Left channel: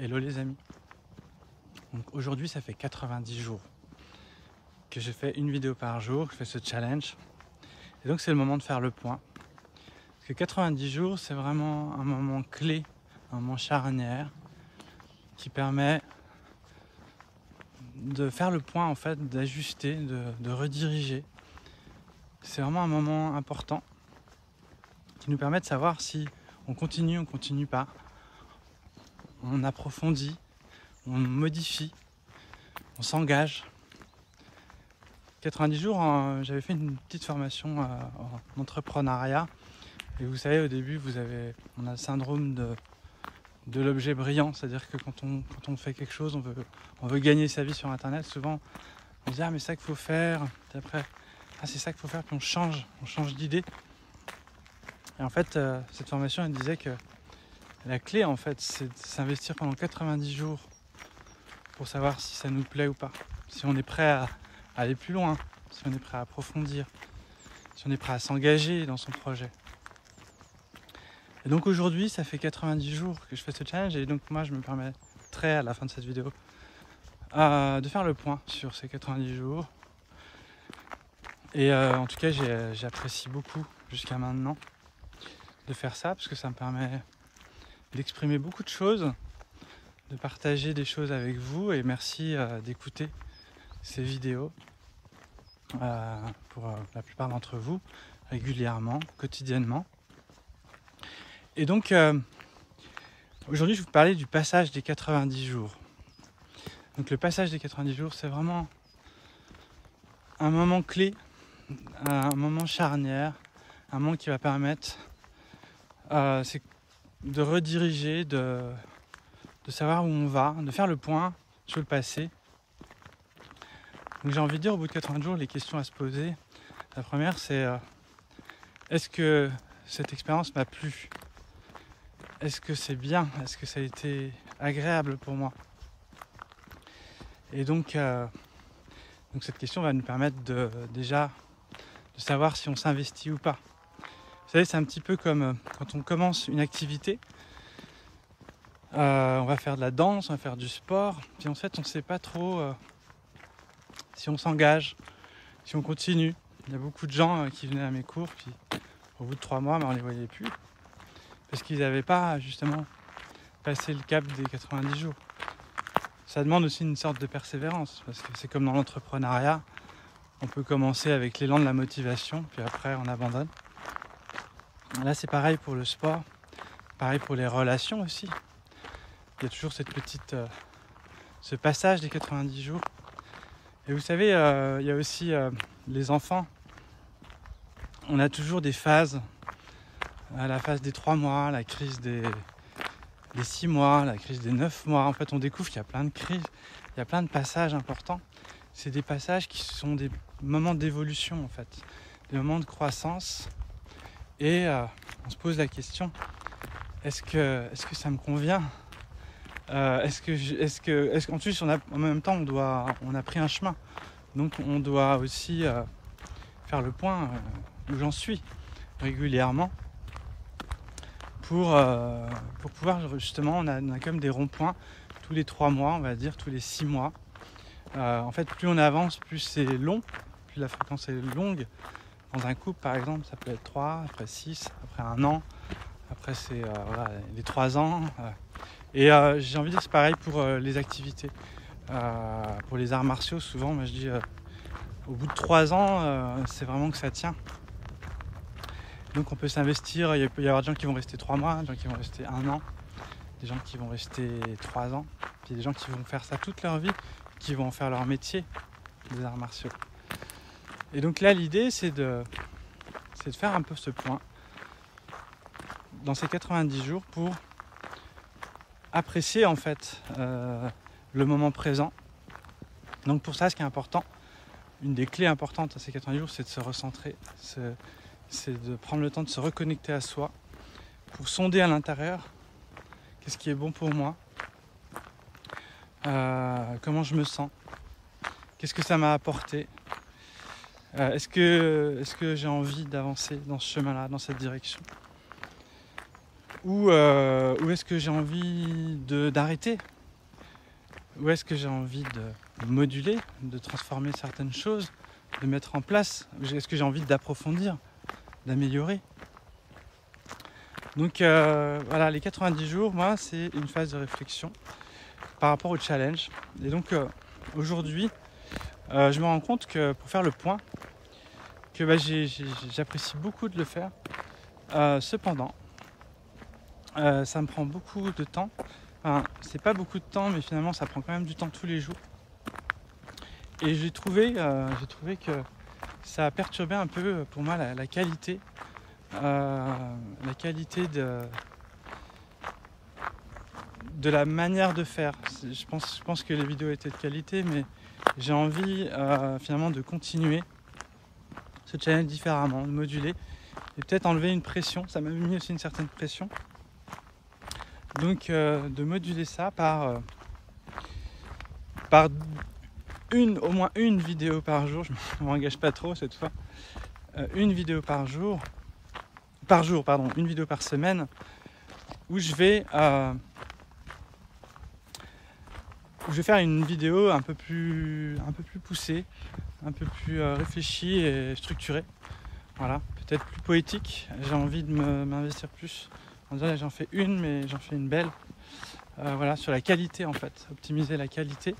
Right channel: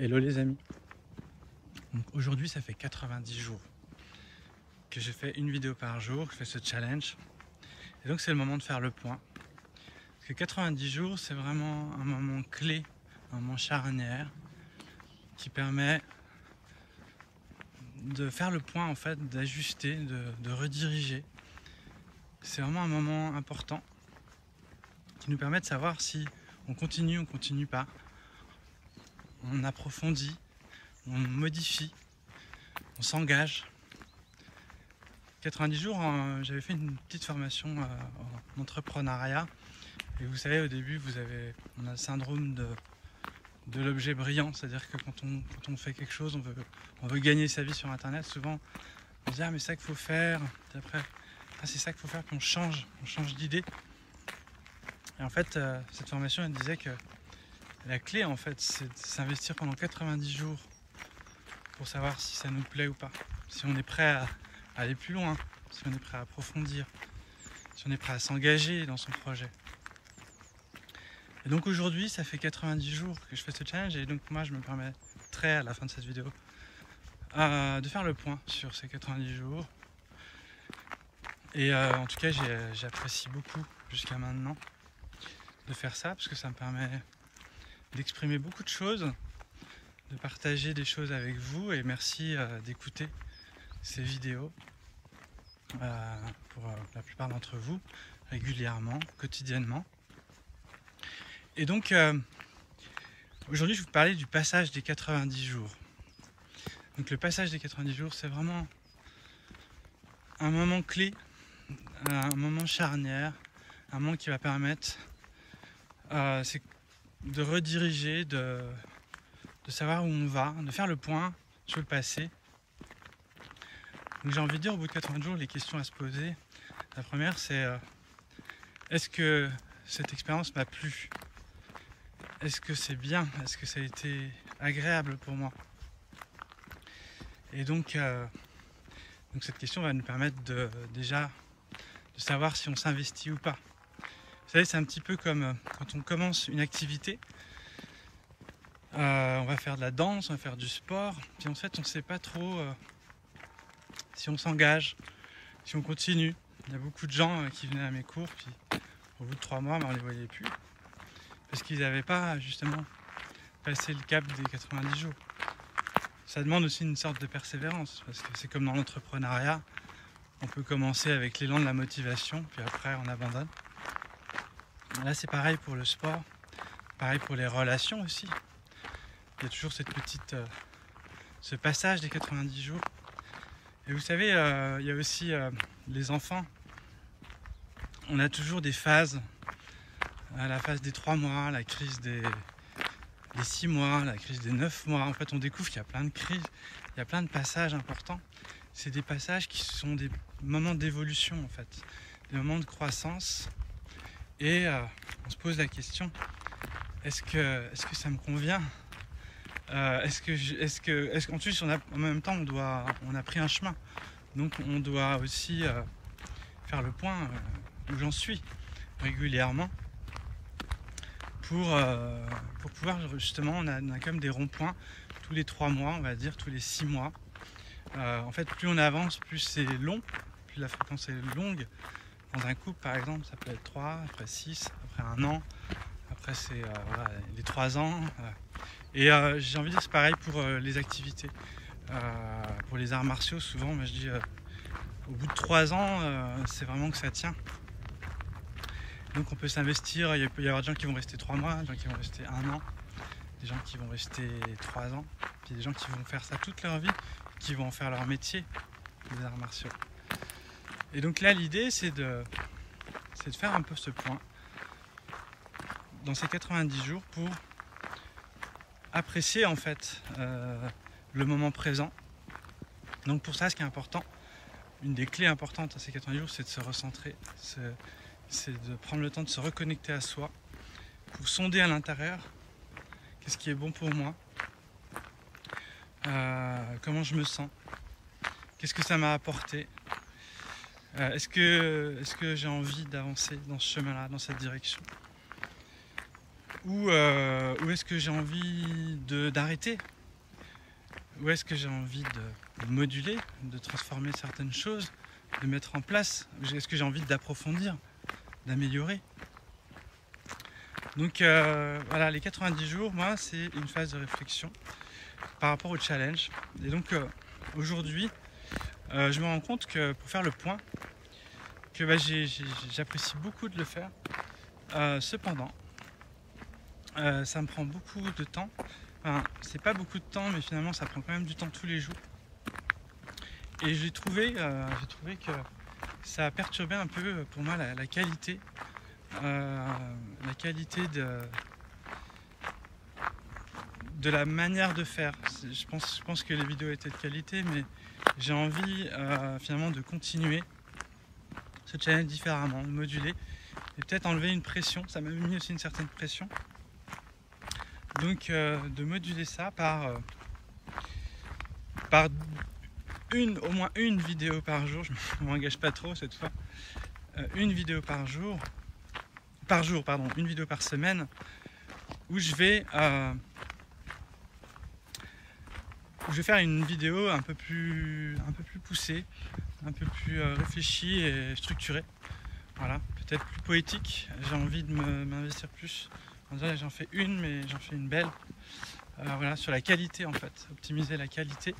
Hello les amis. Donc aujourd'hui ça fait 90 jours que j'ai fait une vidéo par jour, je fais ce challenge. Et donc c'est le moment de faire le point. Parce que 90 jours c'est vraiment un moment clé, un moment charnière qui permet de faire le point en fait, d'ajuster, de rediriger. C'est vraiment un moment important qui nous permet de savoir si on continue pas. On approfondit, on modifie, on s'engage. 90 jours, j'avais fait une petite formation en entrepreneuriat. Et vous savez, au début, on a le syndrome de l'objet brillant. C'est-à-dire que quand on fait quelque chose, on veut gagner sa vie sur Internet. Souvent, on se dit « Ah, mais c'est ça qu'il faut faire ». Après, « Ah, c'est ça qu'il faut faire ». Puis on change d'idée. Et en fait, cette formation, elle disait que la clé, en fait, c'est de s'investir pendant 90 jours pour savoir si ça nous plaît ou pas. Si on est prêt à aller plus loin, si on est prêt à approfondir, si on est prêt à s'engager dans son projet. Et donc aujourd'hui, ça fait 90 jours que je fais ce challenge et donc moi, je me permettrai à la fin de cette vidéo de faire le point sur ces 90 jours. Et en tout cas, j'apprécie beaucoup jusqu'à maintenant de faire ça parce que ça me permet d'exprimer beaucoup de choses, de partager des choses avec vous et merci d'écouter ces vidéos pour la plupart d'entre vous régulièrement, quotidiennement. Et donc aujourd'hui je vais vous parler du passage des 90 jours. Donc le passage des 90 jours c'est vraiment un moment clé, un moment charnière, un moment qui va permettre de rediriger, de savoir où on va, de faire le point sur le passé. Donc j'ai envie de dire, au bout de 80 jours, les questions à se poser. La première, c'est est-ce que cette expérience m'a plu? Est-ce que c'est bien? Est-ce que ça a été agréable pour moi? Et donc cette question va nous permettre déjà de savoir si on s'investit ou pas. Vous savez, c'est un petit peu comme quand on commence une activité. On va faire de la danse, on va faire du sport, puis en fait on ne sait pas trop si on s'engage, si on continue. Il y a beaucoup de gens qui venaient à mes cours, puis au bout de 3 mois, on ne les voyait plus, parce qu'ils n'avaient pas justement passé le cap des 90 jours. Ça demande aussi une sorte de persévérance, parce que c'est comme dans l'entrepreneuriat, on peut commencer avec l'élan de la motivation, puis après on abandonne. Là c'est pareil pour le sport, pareil pour les relations aussi. Il y a toujours ce passage des 90 jours. Et vous savez, il y a aussi les enfants. On a toujours des phases. La phase des 3 mois, la crise des 6 mois, la crise des 9 mois. En fait, on découvre qu'il y a plein de crises, il y a plein de passages importants. C'est des passages qui sont des moments d'évolution, en fait. Des moments de croissance. Et on se pose la question, est-ce que ça me convient? Est-ce qu'en plus en même temps on a pris un chemin, donc on doit aussi faire le point où j'en suis régulièrement pour pouvoir justement, on a quand même des ronds-points tous les 3 mois, on va dire tous les 6 mois. En fait, plus on avance, plus c'est long, plus la fréquence est longue. Dans un couple par exemple, ça peut être 3, après 6, après 1 an, après c'est voilà, les 3 ans. Et j'ai envie de dire c'est pareil pour les activités. Pour les arts martiaux, souvent, moi je dis au bout de 3 ans, c'est vraiment que ça tient. Donc on peut s'investir, il peut y avoir des gens qui vont rester 3 mois, des gens qui vont rester 1 an, des gens qui vont rester 3 ans, puis des gens qui vont faire ça toute leur vie, qui vont en faire leur métier, les arts martiaux. Et donc là l'idée c'est de faire un peu ce point dans ces 90 jours pour apprécier en fait le moment présent. Donc pour ça, ce qui est important, une des clés importantes à ces 90 jours, c'est de se recentrer, c'est de prendre le temps de se reconnecter à soi pour sonder à l'intérieur qu'est-ce qui est bon pour moi, comment je me sens, qu'est-ce que ça m'a apporté, est-ce que j'ai envie d'avancer dans ce chemin-là, dans cette direction. Ou est-ce que j'ai envie d'arrêter? Ou est-ce que j'ai envie de moduler, de transformer certaines choses, de mettre en place? Est-ce que j'ai envie d'approfondir, d'améliorer? Donc voilà, les 90 jours, moi, c'est une phase de réflexion par rapport au challenge. Et donc aujourd'hui, je me rends compte que pour faire le point, que j'apprécie beaucoup de le faire. Cependant, ça me prend beaucoup de temps. Enfin, c'est pas beaucoup de temps, mais finalement, ça prend quand même du temps tous les jours. Et j'ai trouvé que ça a perturbé un peu pour moi la qualité, de la manière de faire. Je pense que les vidéos étaient de qualité, mais j'ai envie finalement de continuer ce challenge différemment, de moduler et peut-être enlever une pression. Ça m'a mis aussi une certaine pression. Donc de moduler ça par au moins une vidéo par jour. Je ne m'engage pas trop cette fois. Une vidéo par jour, une vidéo par semaine, où je vais faire une vidéo un peu plus poussée, un peu plus réfléchie et structurée. Voilà, peut-être plus poétique. J'ai envie de m'investir plus. J'en fais une, mais j'en fais une belle. Voilà, sur la qualité en fait, optimiser la qualité.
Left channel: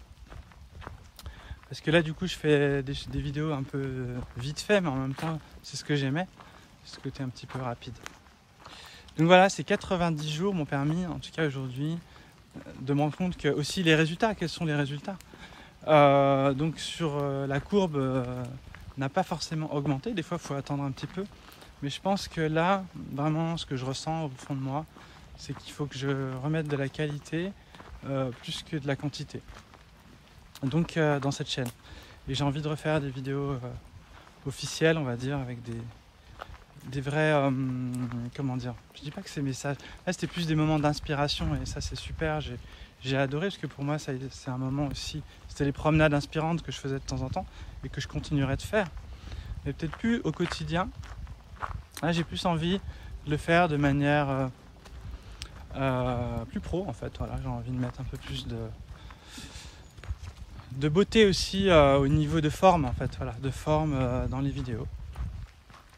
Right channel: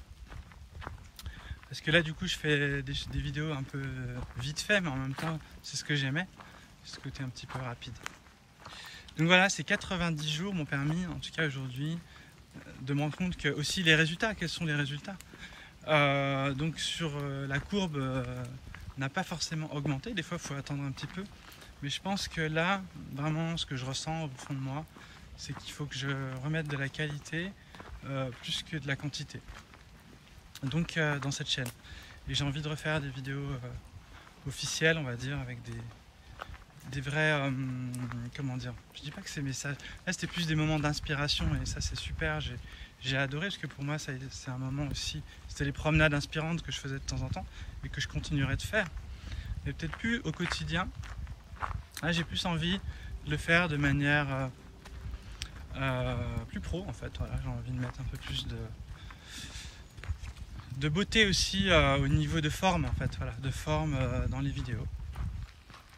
Parce que là, du coup, je fais des vidéos un peu vite fait, mais en même temps, c'est ce que j'aimais, ce côté un petit peu rapide. Donc voilà, ces 90 jours m'ont permis, en tout cas aujourd'hui, de me rendre compte que aussi les résultats, quels sont les résultats. Donc sur la courbe n'a pas forcément augmenté, des fois il faut attendre un petit peu, mais je pense que là, vraiment ce que je ressens au fond de moi, c'est qu'il faut que je remette de la qualité plus que de la quantité. Donc dans cette chaîne. Et j'ai envie de refaire des vidéos officielles, on va dire, avec des vrais, comment dire, je dis pas que c'est messages, là c'était plus des moments d'inspiration et ça c'est super, j'ai adoré parce que pour moi c'est un moment aussi, c'était les promenades inspirantes que je faisais de temps en temps et que je continuerai de faire, mais peut-être plus au quotidien. Là j'ai plus envie de le faire de manière plus pro en fait, voilà, j'ai envie de mettre un peu plus de beauté aussi au niveau de forme en fait, voilà, de forme dans les vidéos.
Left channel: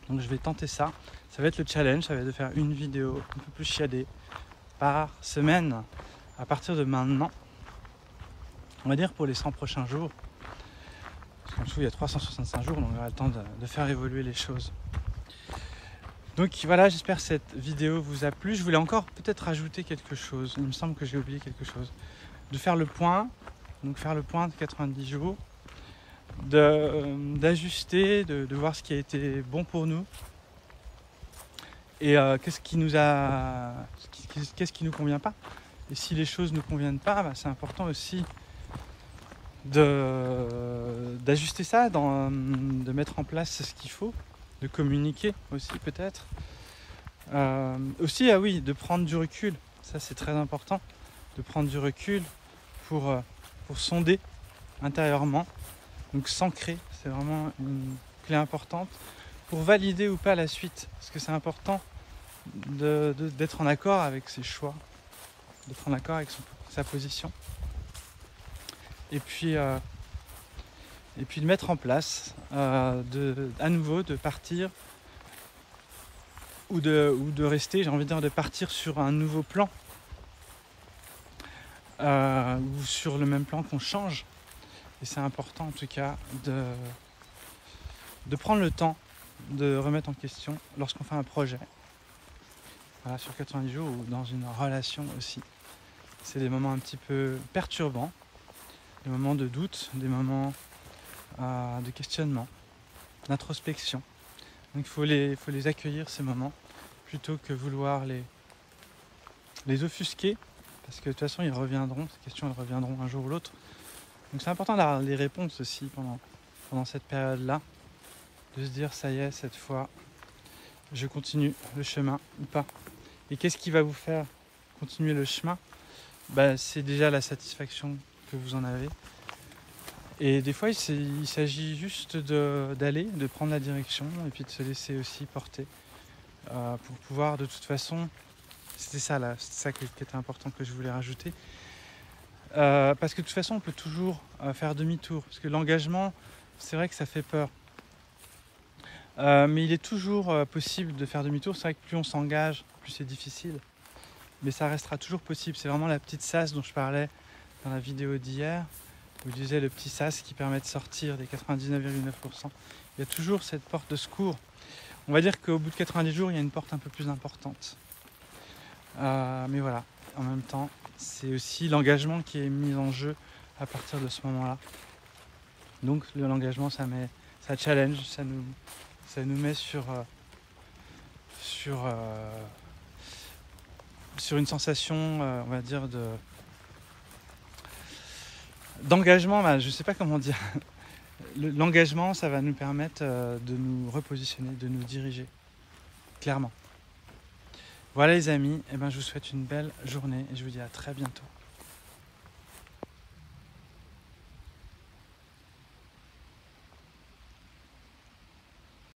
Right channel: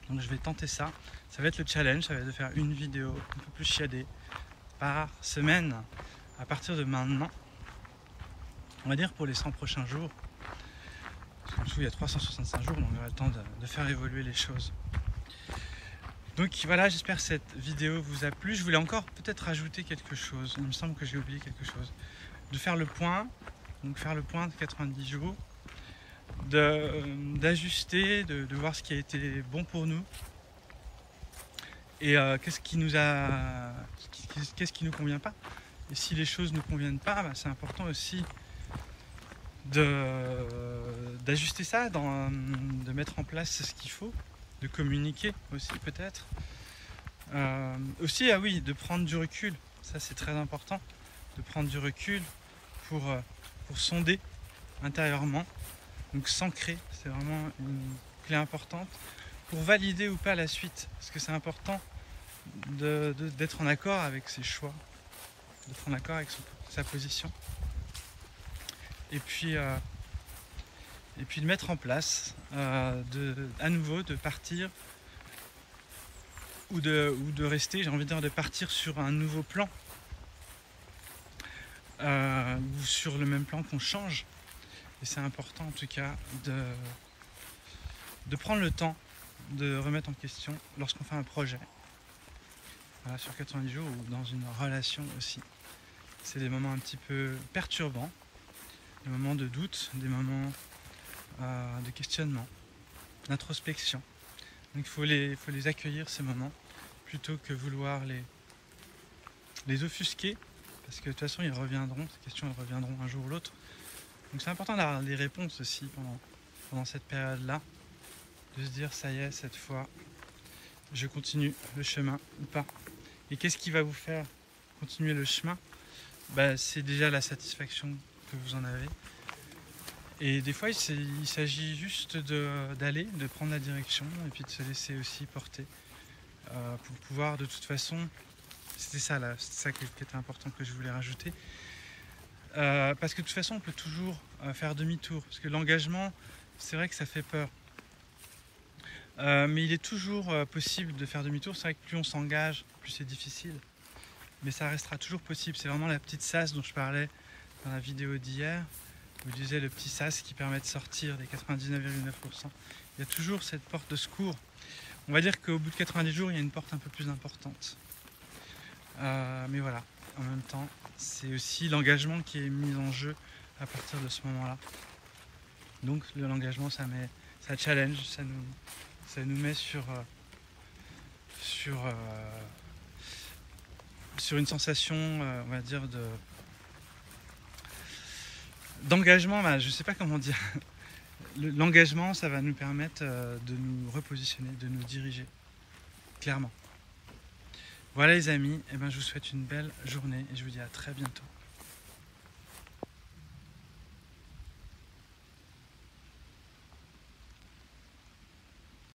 Donc je vais tenter ça. Ça va être le challenge, ça va être de faire une vidéo un peu plus chiadée par semaine à partir de maintenant. On va dire pour les 100 prochains jours. En dessous il y a 365 jours, donc on aura le temps de faire évoluer les choses. Donc voilà, j'espère que cette vidéo vous a plu. Je voulais encore peut-être rajouter quelque chose. Il me semble que j'ai oublié quelque chose. De faire le point, donc faire le point de 90 jours. D'ajuster, de voir ce qui a été bon pour nous et qu'est-ce qui nous convient pas, et si les choses ne conviennent pas, c'est important aussi d'ajuster ça, de mettre en place ce qu'il faut, de communiquer aussi peut-être aussi, ah oui, de prendre du recul, ça c'est très important, de prendre du recul pour sonder intérieurement. Donc s'ancrer, c'est vraiment une clé importante pour valider ou pas la suite. Parce que c'est important d'être en accord avec ses choix, d'être en accord avec sa position. Et puis de mettre en place, à nouveau, de partir ou de rester, j'ai envie de dire, de partir sur un nouveau plan. Ou sur le même plan qu'on change. Et c'est important en tout cas de prendre le temps de remettre en question lorsqu'on fait un projet. Voilà, sur 90 jours ou dans une relation aussi. C'est des moments un petit peu perturbants, des moments de doute, des moments de questionnement, d'introspection. Donc il faut les accueillir ces moments plutôt que vouloir les offusquer, parce que de toute façon ils reviendront, ces questions elles reviendront un jour ou l'autre. Donc c'est important d'avoir les réponses aussi pendant cette période-là, de se dire ça y est, cette fois, je continue le chemin ou pas. Et qu'est-ce qui va vous faire continuer le chemin? C'est déjà la satisfaction que vous en avez. Et des fois, il s'agit juste d'aller, de prendre la direction et puis de se laisser aussi porter pour pouvoir de toute façon C'était ça là, c'est ça qui était important que je voulais rajouter. Parce que de toute façon, on peut toujours faire demi-tour. Parce que l'engagement, c'est vrai que ça fait peur. Mais il est toujours possible de faire demi-tour. C'est vrai que plus on s'engage, plus c'est difficile. Mais ça restera toujours possible. C'est vraiment la petite sas dont je parlais dans la vidéo d'hier. Où je disais le petit sas qui permet de sortir des 99,9%. Il y a toujours cette porte de secours. On va dire qu'au bout de 90 jours, il y a une porte un peu plus importante. Mais voilà, en même temps, c'est aussi l'engagement qui est mis en jeu à partir de ce moment-là. Donc l'engagement, ça challenge, ça nous met sur une sensation, on va dire, d'engagement. Je ne sais pas comment dire. L'engagement, ça va nous permettre de nous repositionner, de nous diriger, clairement. Voilà les amis, et je vous souhaite une belle journée et je vous dis à très bientôt.